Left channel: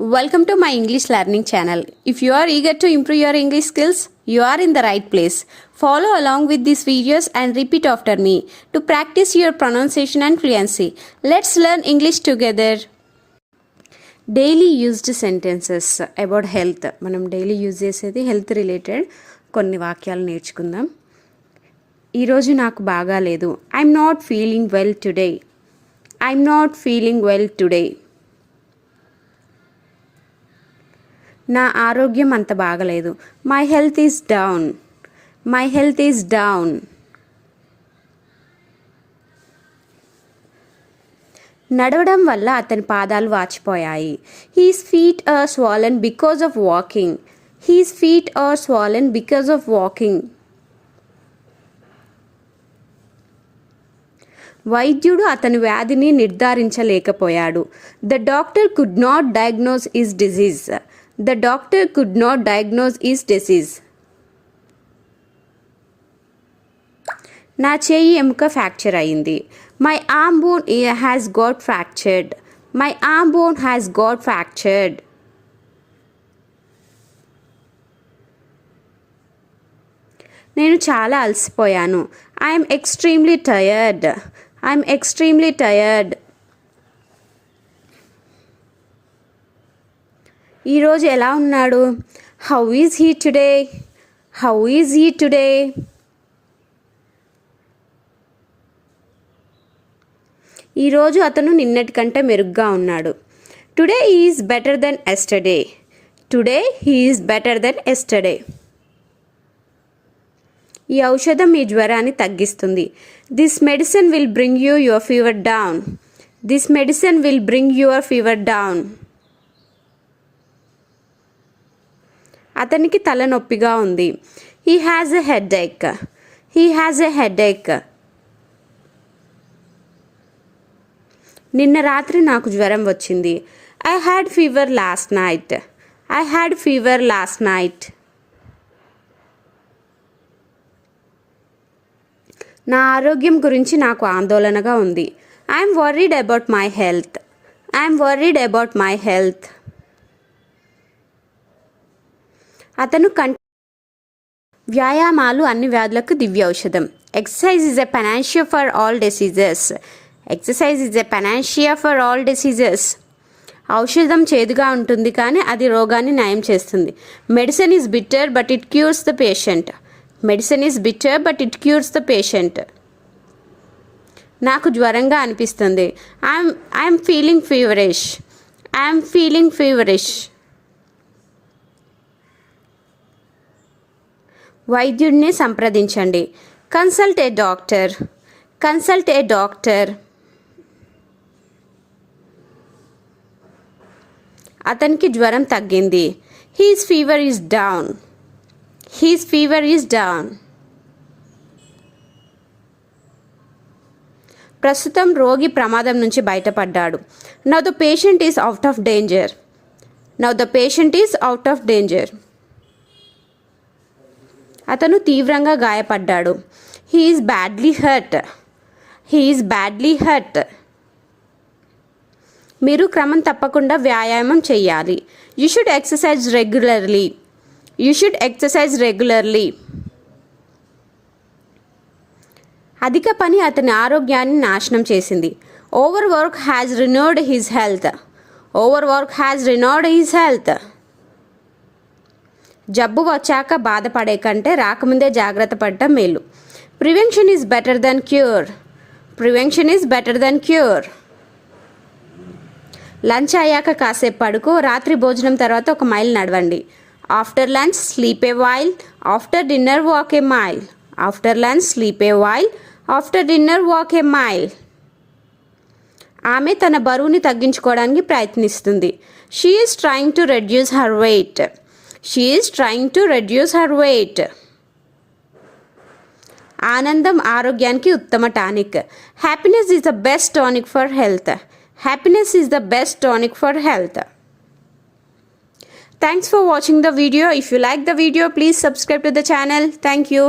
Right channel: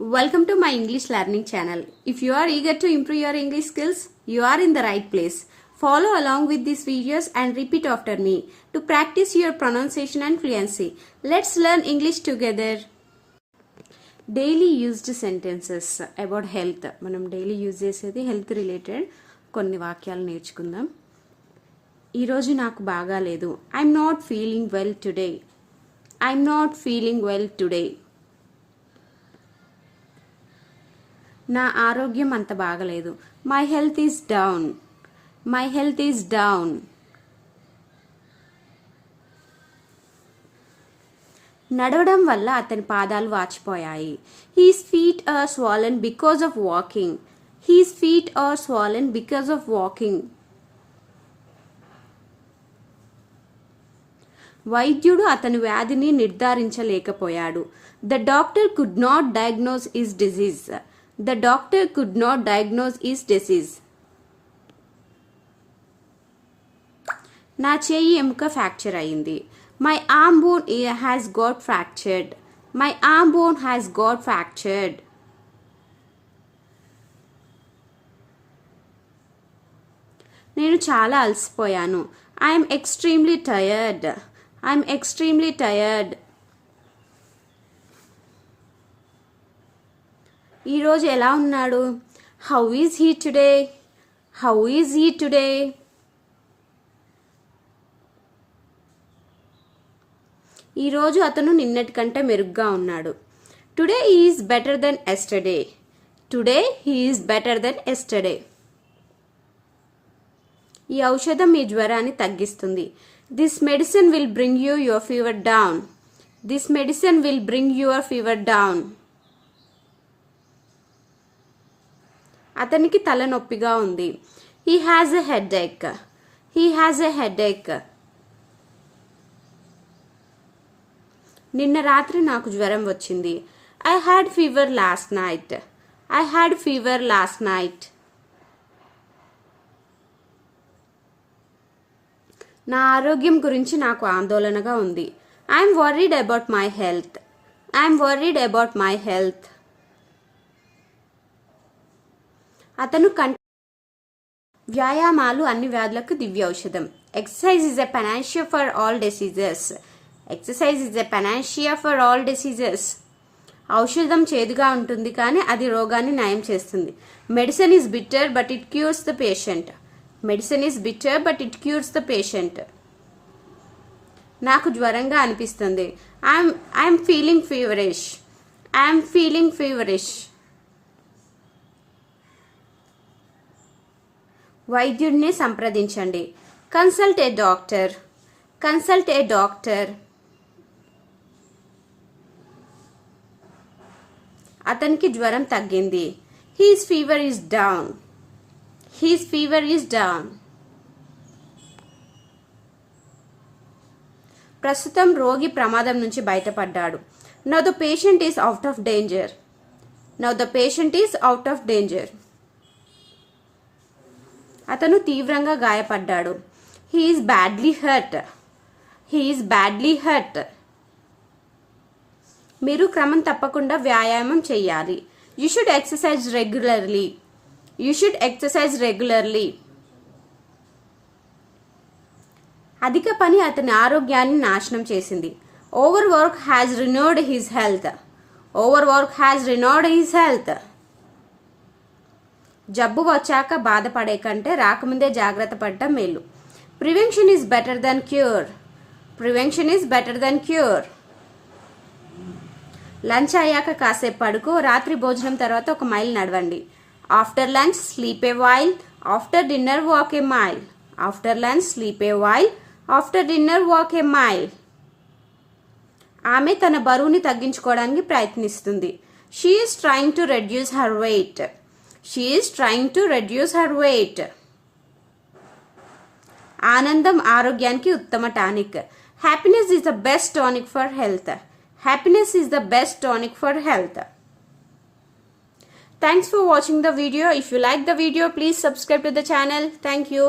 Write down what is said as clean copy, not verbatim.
Welcome to my English learning channel. If you are eager to improve your English skills, you are in the right place. Follow along with these videos and repeat after me to practice your pronunciation and fluency. Let's learn English together. Daily used sentences about health. మనం daily use చేసేది health related కొన్ని వాక్యాలు నేర్చుకుందాం. ఈరోజు నాకు బాగాలేదు. I'm not feeling well today. I'm not feeling well today. నా ఆరోగ్యం అంత బాగలేదు. My health is down. My health is down. నడవడం వల్ల అతని పాదాలు వాచిపోయాయి. His feet are swollen because of walking. His feet are swollen because of walking. వైద్యుడు అతని వ్యాధిని నిర్ధారించలేకపోయాడు. The doctor could not diagnose his disease. The doctor could not diagnose his disease. నా చేయి ఎముక ఫ్రాక్చర్ అయింది. My arm bone has got fractured. My arm bone has got fractured. నేను చాలా అలసిపోయాను. I am extremely tired. I am extremely tired. ఈరోజు ఎలా ఉన్నాడు? How is he today? How is he today? ఈరోజు అతను నిన్నటి కంటే మెరుగ్గా ఉన్నాడు. Today is better than yesterday. Today he is better than yesterday. ఈ ఔషధం మీ జ్వరాన్ని తగ్గిస్తుంది. This medicine will bring you your fever down. This medicine will bring your fever down. అతనికి తలనొప్పిగా ఉంది. He has a headache. He has a headache. నిన్న రాత్రి నాకు జ్వరం వచ్చింది. I had fever last night. I had fever last night. నా ఆరోగ్యం గురించి నాకు ఆందోళనగా ఉంది. I'm worried about my health. I'm worried about my health. అతను వ్యాయామాలు అన్ని వ్యాధులకు దివ్య ఔషధం. Exercise is a panacea for all diseases. Exercise is a panacea for all diseases. ఔషధం చేదుగా ఉంటుంది కానీ అది రోగాన్ని నయం చేస్తుంది. Medicine is bitter but it cures the patient. Medicine is bitter but it cures the patient. నాకు జ్వరంగా అనిపిస్తుంది. I'm feeling feverish. I'm feeling feverish. వైద్యుడిని సంప్రదించండి. Consult a doctor. Consult a doctor. అతనికి జ్వరం తగ్గింది. His fever is down. His fever is down. ప్రస్తుతం రోగి ప్రమాదం నుంచి బయటపడ్డాడు. Now the patient is out of danger. Now the patient is out of danger. అతను తీవ్రంగా గాయపడ్డాడు. He is badly hurt. He is badly hurt. మీరు క్రమం తప్పకుండా వ్యాయామం చేయాలి. You should exercise regularly. You should exercise regularly. అధిక పని అతని ఆరోగ్యాన్ని నాశనం చేసింది. Over work has ruined his health. Over work has ruined his health. జబ్బు వచ్చాక బాధపడే కంటే రాకముందే జాగ్రత్త పడటం మేలు. Prevention is better than cure. Prevention is better than cure. Lunch అయ్యాక కాసేపు పడుకో. రాత్రి భోజనం తర్వాత 1 మైల్ నడవండి. After lunch sleep a while. After dinner walk a mile. After lunch sleep a while. After dinner walk a mile. ఆమె తన బరువుని తగ్గించుకోవడానికి ప్రయత్నిస్తుంది. She is trying to reduce her weight. She is trying to reduce her weight. ఆనందం ఆరోగ్యానికి ఉత్తమ tonic. Happiness is the best tonic for health. Happiness is the best tonic for health. Thanks for watching the video. If you like the video, please subscribe to the channel. Thank you.